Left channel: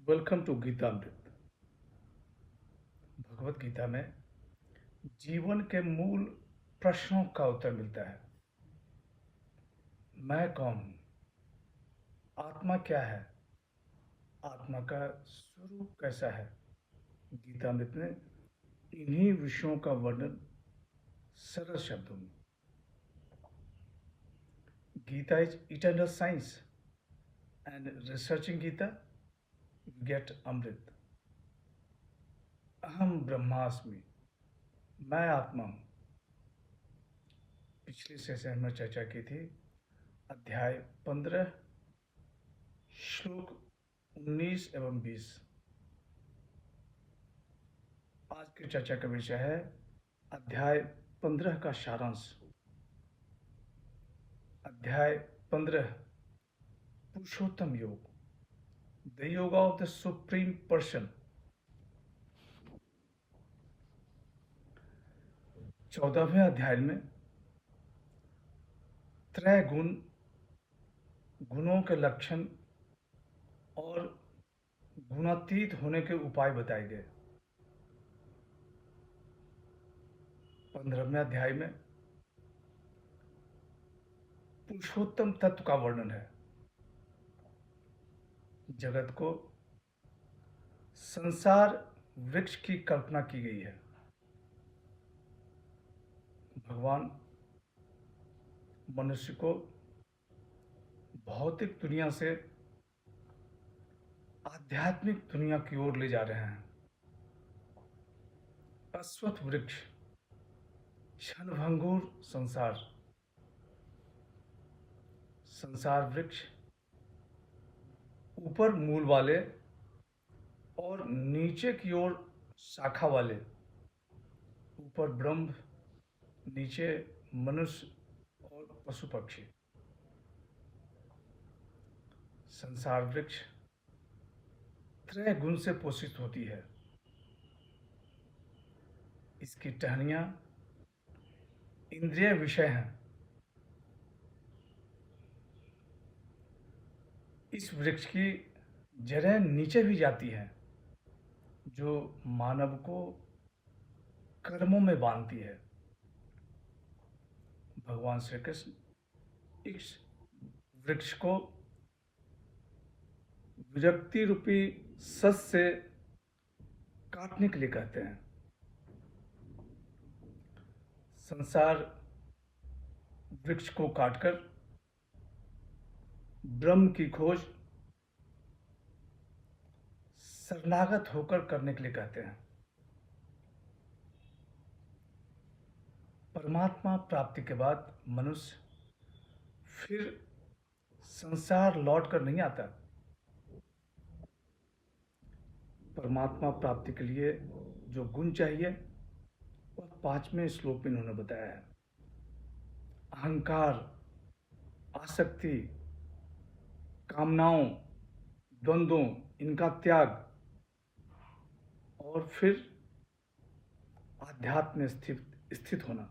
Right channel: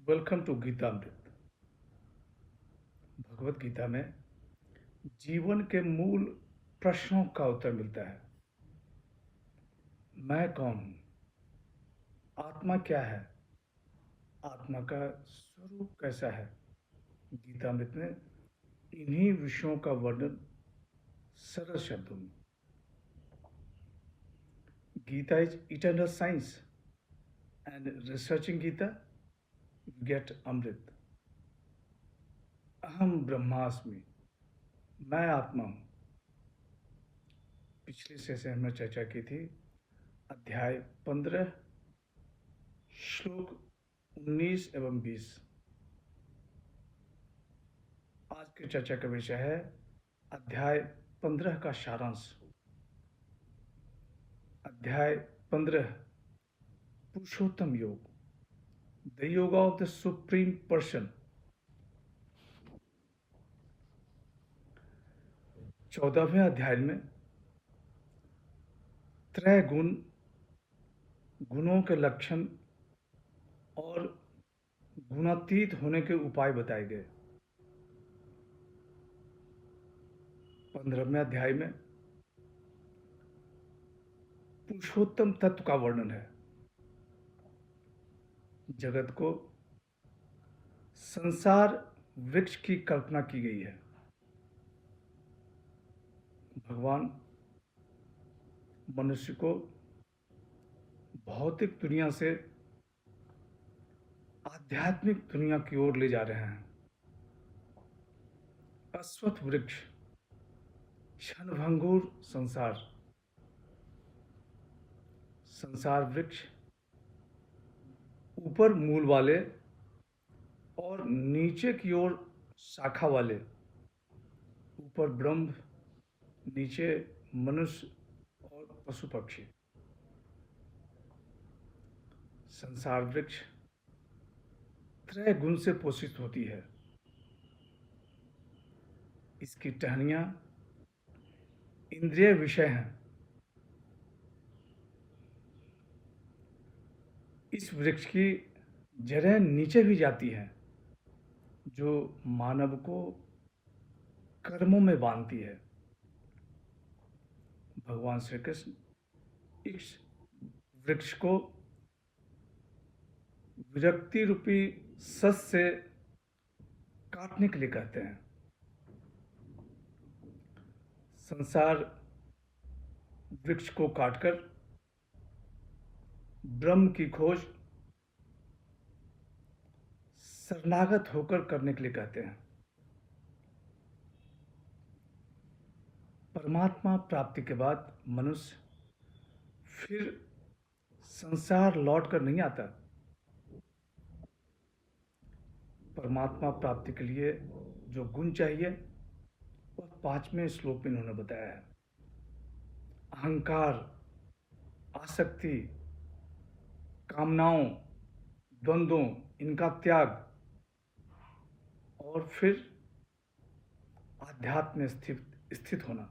Welcome to Geetamrit. Bhagavad Gita में जीवन के मूल प्रश्नों का उत्तर मिलता है। मैं कौन हूँ? आत्मा क्या है? आत्मा का स्वरूप कैसा है? गीतामृत में इन्हीं विषयों का वर्णन सरल शब्दों में। Gita is eternal science and researching Gita get Amrit. अहम ब्रह्मास्मि, मैं आत्मा हूँ। पिछले सेशन में चर्चा की थी अध्याय 15 श्लोक 19 एवं 20। आज की चर्चा का विषय है अध्याय 15 का सारांश। अध्याय 15 पुरुषोत्तम योग, द योग ऑफ द सुप्रीम पर्सन। 14वें अध्याय में त्रय गुण, गुणों के लक्षण और गुणातीत होने के उपाय बताए गए। 15वें अध्याय में पुरुषोत्तम तत्व का वर्णन है। जगत को संसार वृक्ष की कल्पना की गई है। भगवान मनुष्य को भौतिक दुनिया से आध्यात्मिक दुनिया की ओर ले जा रहे हैं। अश्वत्थ वृक्ष, क्षणभंगुर संसार। संसार वृक्ष ऊपर मूल वाले और नीचे की ओर शाखा वाले। ऊपर ब्रह्म, नीचे मनुष्य और पशु पक्षी। संसार वृक्ष त्रय गुण से पोषित होती है। इसकी टहनियां इंद्रिय विषय हैं। इस वृक्ष की जड़ें नीचे भी जाती हैं, जो मानव को कर्मों में बांधती है। भगवान श्री कृष्ण इस वृक्ष को विरक्ति रूपी सस से काटने के लिए कहते हैं। संसार वृक्ष को काटकर ब्रह्म की खोज शरणागत होकर करने के लिए कहते हैं। परमात्मा प्राप्ति के बाद मनुष्य फिर संसार लौट कर नहीं आता। परमात्मा प्राप्ति के लिए जो गुण चाहिए वह 5वें श्लोक में इन्होंने बताया है। अहंकार, आसक्ति, कामनाओं, द्वंद्वों, इनका त्याग और फिर आध्यात्म में स्थित होना।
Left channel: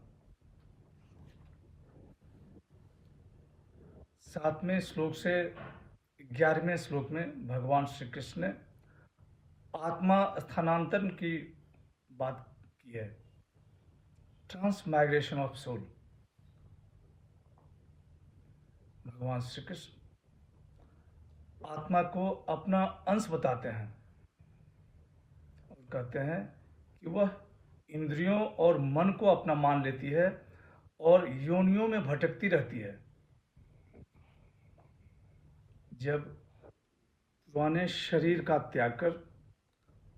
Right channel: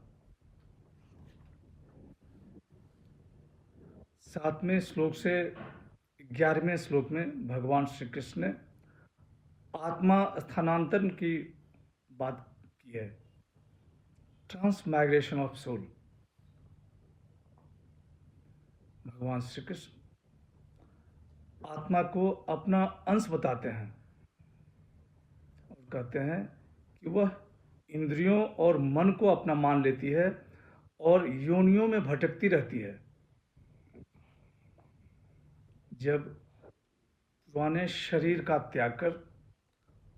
7वें श्लोक से 11वें श्लोक में भगवान श्री कृष्ण ने आत्मा स्थानांतरण की बात की है। Transmigration of soul. भगवान श्री कृष्ण आत्मा को अपना अंश बताते हैं और कहते हैं कि वह इंद्रियों और मन को अपना मान लेती है और योनियों में भटकती रहती है। जब पुराने शरीर का त्याग कर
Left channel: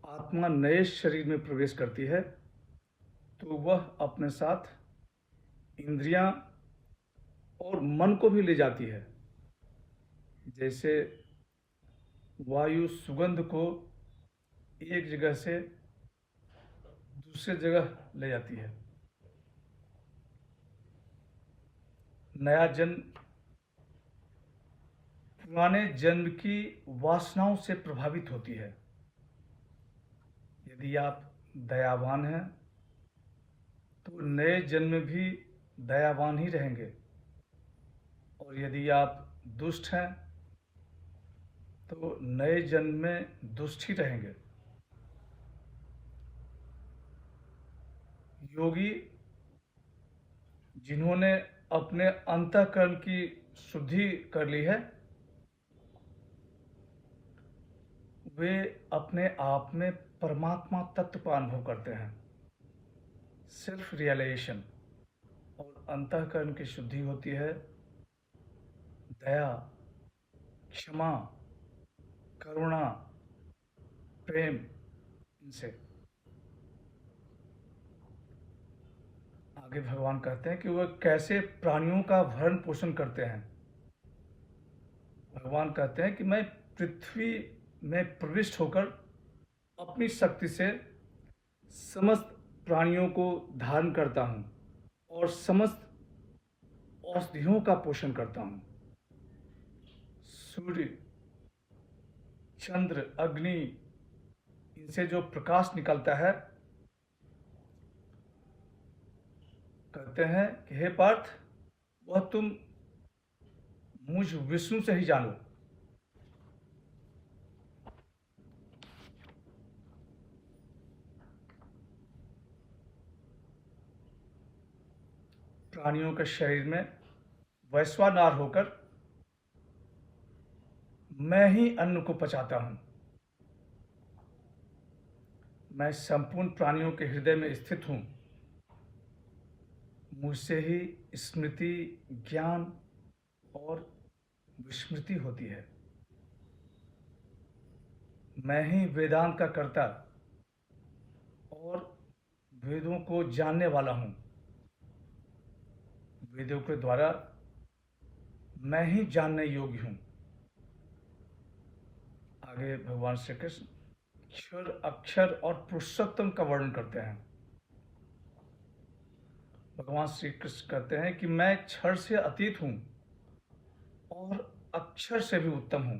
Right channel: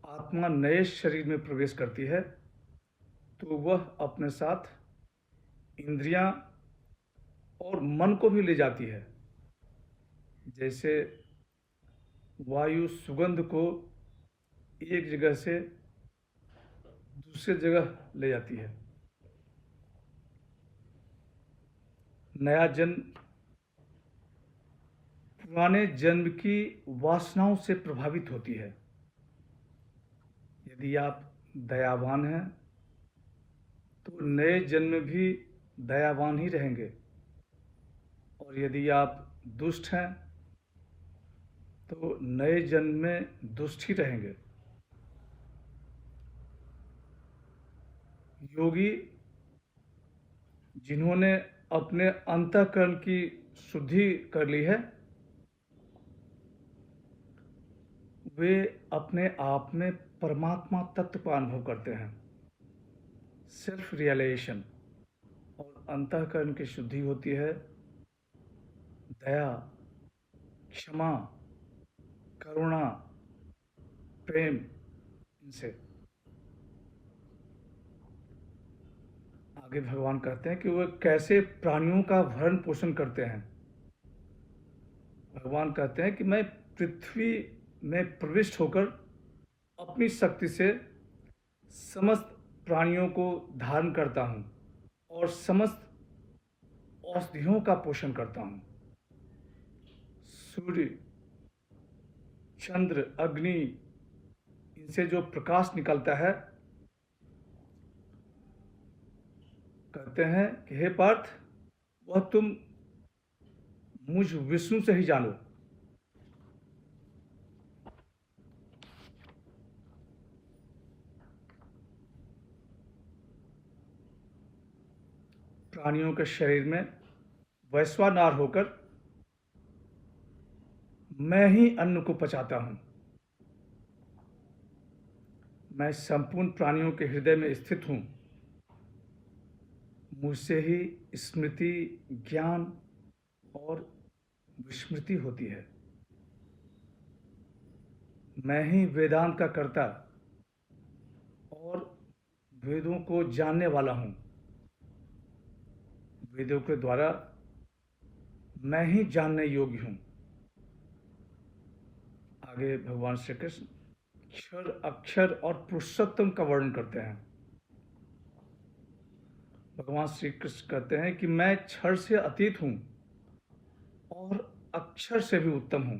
आत्मा नए शरीर में प्रवेश करती है तो वह अपने साथ इंद्रियां और मन को भी ले जाती है। जैसे वायु सुगंध को एक जगह से दूसरे जगह ले जाती है। नया जन्म पुराने जन्म की वासनाओं से प्रभावित होती है। यदि आप दयावान हैं तो नए जन्म में भी दयावान ही रहेंगे, और यदि आप दुष्ट हैं तो नए जन्म में दुष्ट ही रहेंगे। योगी जिन्होंने अपने अंतःकरण की शुद्धि कर ली है, वे अपने आप में परमात्मा तत्व का अनुभव करते हैं। सेल्फ रियलाइजेशन और अंतःकरण की शुद्धि होती है दया, क्षमा, करुणा, प्रेम, इनसे। आगे भगवान कहते हैं कि वह कैसे प्राणियों का भरण पोषण करते हैं। भगवान कहते हैं कि मैं पृथ्वी में प्रविष्ट होकर अपनी शक्ति से समस्त प्राणियों को धारण करता हूँ और समस्त औषधियों का पोषण करता हूँ। सूर्य, चंद्र, अग्नि, इनसे जो प्रकाश निकलता है, कहते हैं कि हे पार्थ, वह तुम मुझ विष्णु से ही जानो। प्राणियों के शरीर में वैश्वानर होकर मैं ही अन्न को पचाता हूं। मैं संपूर्ण प्राणियों के हृदय में स्थित हूं। मुझसे ही स्मृति, ज्ञान और विस्मृति होती है। मैं ही वेदांत का कर्ता और वेदों को जानने वाला हूं। वेदों के द्वारा मैं ही जानने योग्य हूं। आगे भगवान श्री कृष्ण क्षर, अक्षर और पुरुषोत्तम का वर्णन करते हैं। भगवान श्री कृष्ण कहते हैं कि मैं क्षर से अतीत हूं और अक्षर से भी उत्तम हूं।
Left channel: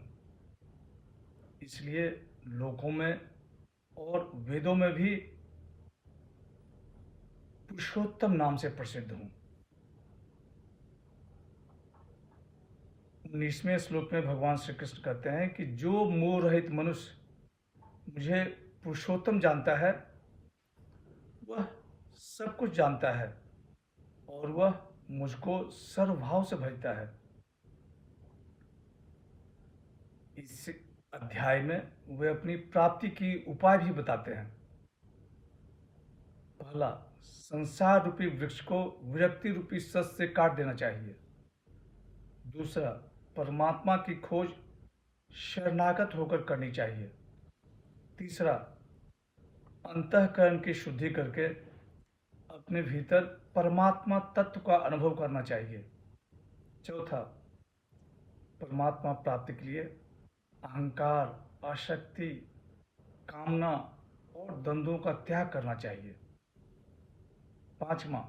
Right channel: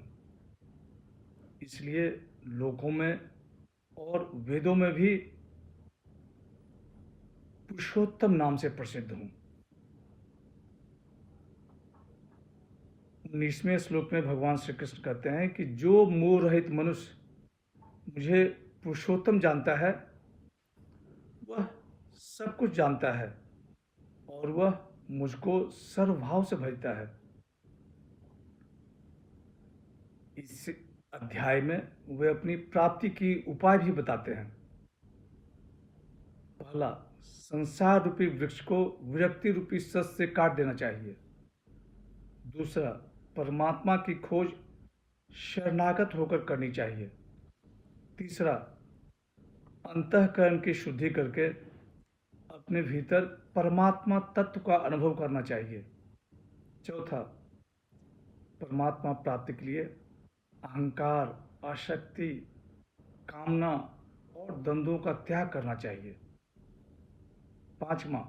इसलिए लोकों में और वेदों में भी पुरुषोत्तम नाम से प्रसिद्ध हूं। 19वें श्लोक में भगवान श्री कृष्ण कहते हैं कि जो मोह रहित मनुष्य मुझे पुरुषोत्तम जानता है, वह सब कुछ जानता है और वह मुझको सर्वभाव से भजता है। इस अध्याय में वे अपनी प्राप्ति की उपाय भी बताते हैं। पहला, संसार रूपी वृक्ष को विरक्ति रूपी सस से काट देना चाहिए। दूसरा, परमात्मा की खोज शरणागत होकर करनी चाहिए। तीसरा, अंतःकरण की शुद्धि करके अपने भीतर परमात्मा तत्व का अनुभव करना चाहिए। चौथा, परमात्मा प्राप्ति के लिए अहंकार, आसक्ति, कामना और द्वंद्वों का त्याग करना चाहिए। पांचवा,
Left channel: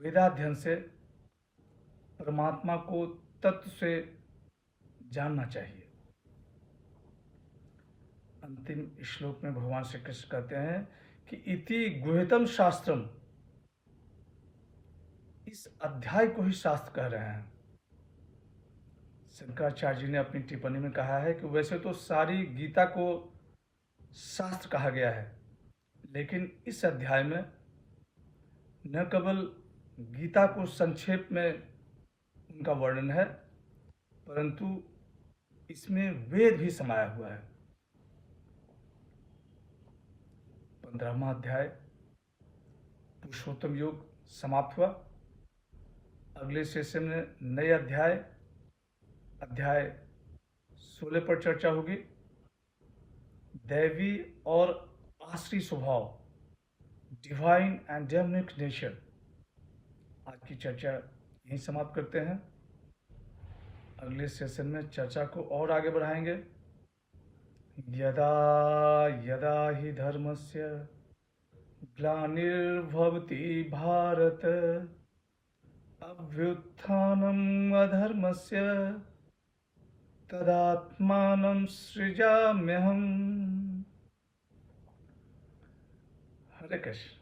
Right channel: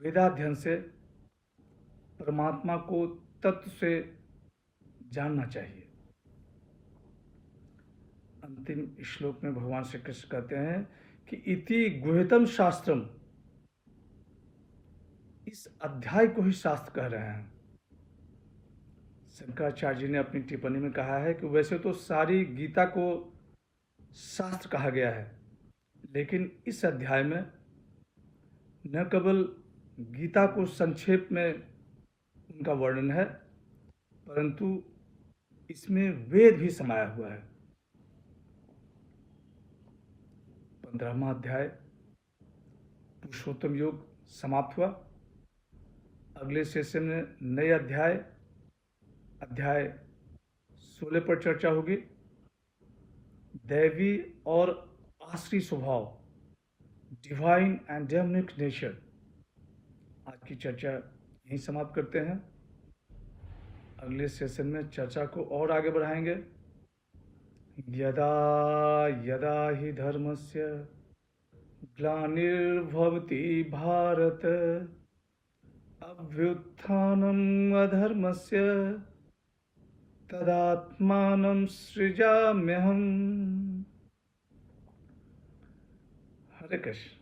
वेदाध्ययन से परमात्मा को तत्व से जानना चाहिए। अंतिम श्लोक में भगवान श्री कृष्ण कहते हैं कि इति गुह्यतम शास्त्रम, इस अध्याय को ही शास्त्र कह रहे हैं। शंकराचार्य जी ने अपनी टिप्पणी में कहा है कि वैसे तो सारी गीता को शास्त्र कहा गया है, लेकिन इस अध्याय में न केवल गीता को संक्षेप में उनका वर्णन है, परंतु इसमें वेद भी समाया हुआ है। 15वां अध्याय पुरुषोत्तम योग समाप्त हुआ। अगले सेशन में नए अध्याय 16 पर चर्चा होगी। दैवी और आश्री स्वभाव, डिवाइन एंड डेमनिक नेचर। आज की चर्चा यहीं समाप्त करते हैं। अगले सेशन में चर्चा को और आगे बढ़ाएंगे। यदा यदा हि धर्मस्य ग्लानिर्भवति भारत, अभ्युत्थानम् अधर्मस्य तदात्मानं सृजाम्यहम्। हरे कृष्ण।